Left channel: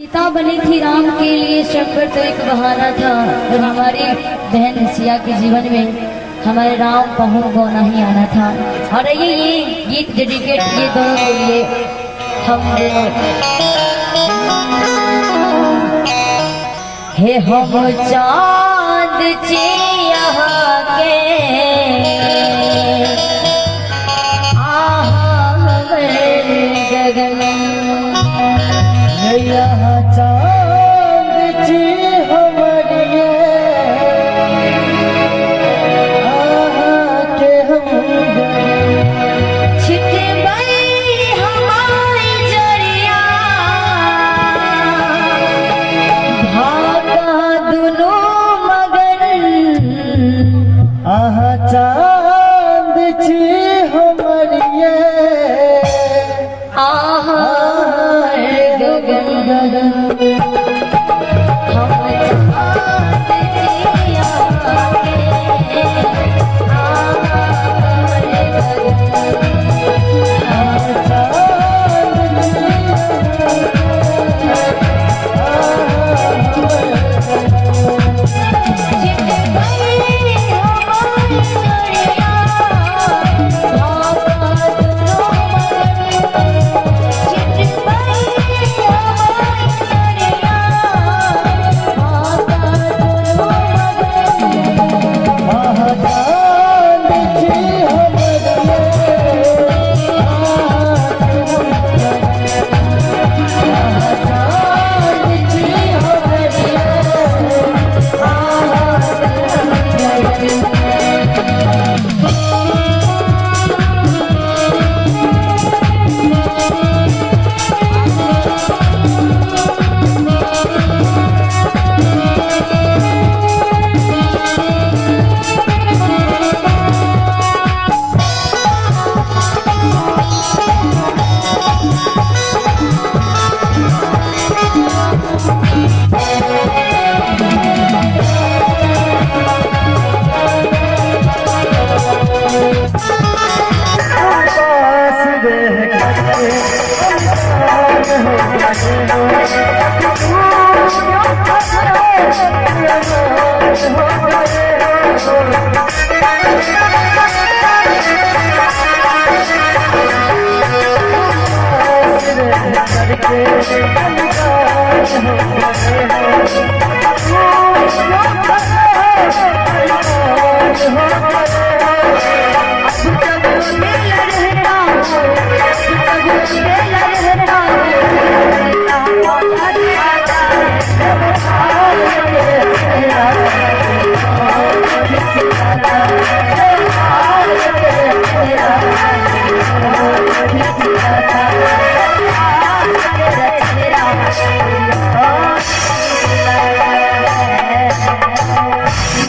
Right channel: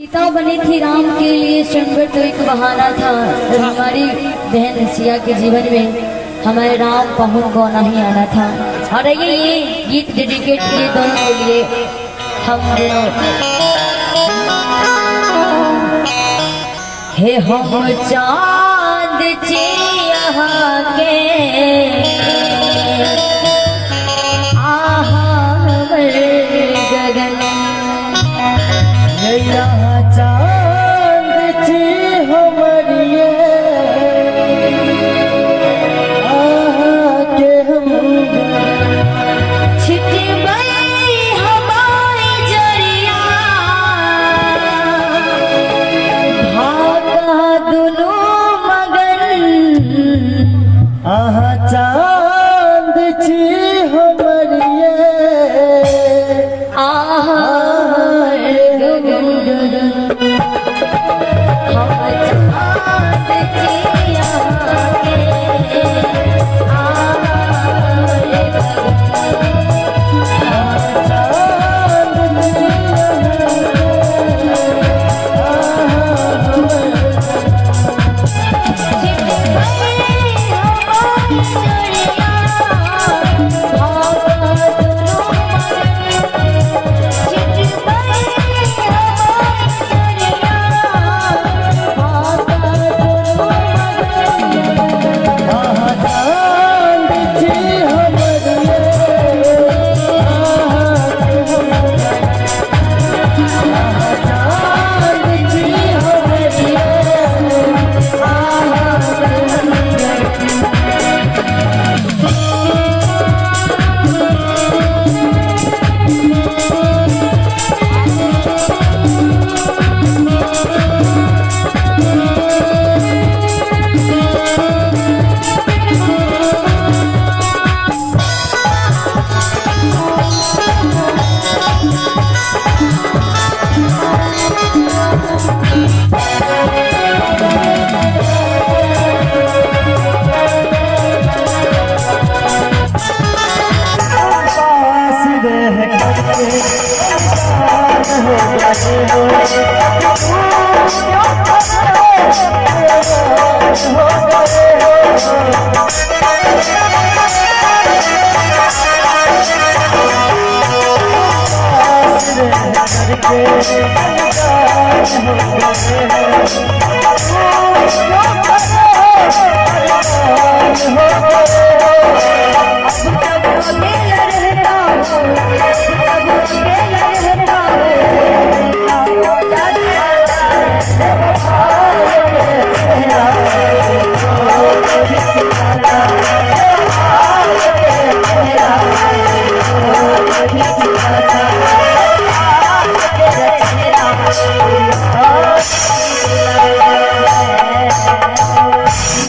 सीता बनी थी राम के लिए, संकट तो एक बहाना था। और हमारी बहन सिया के जीवन में हमारे राम पहुंच को नहीं आना था। और ये गीत डेडिकेट ये दोनों के लिए हम दोनों। हे हम चांद चिया के गगन चांद छी हमरिए के हम छिटबई हमारी जरिया भागा दुनू मगन चांद छी हमरिए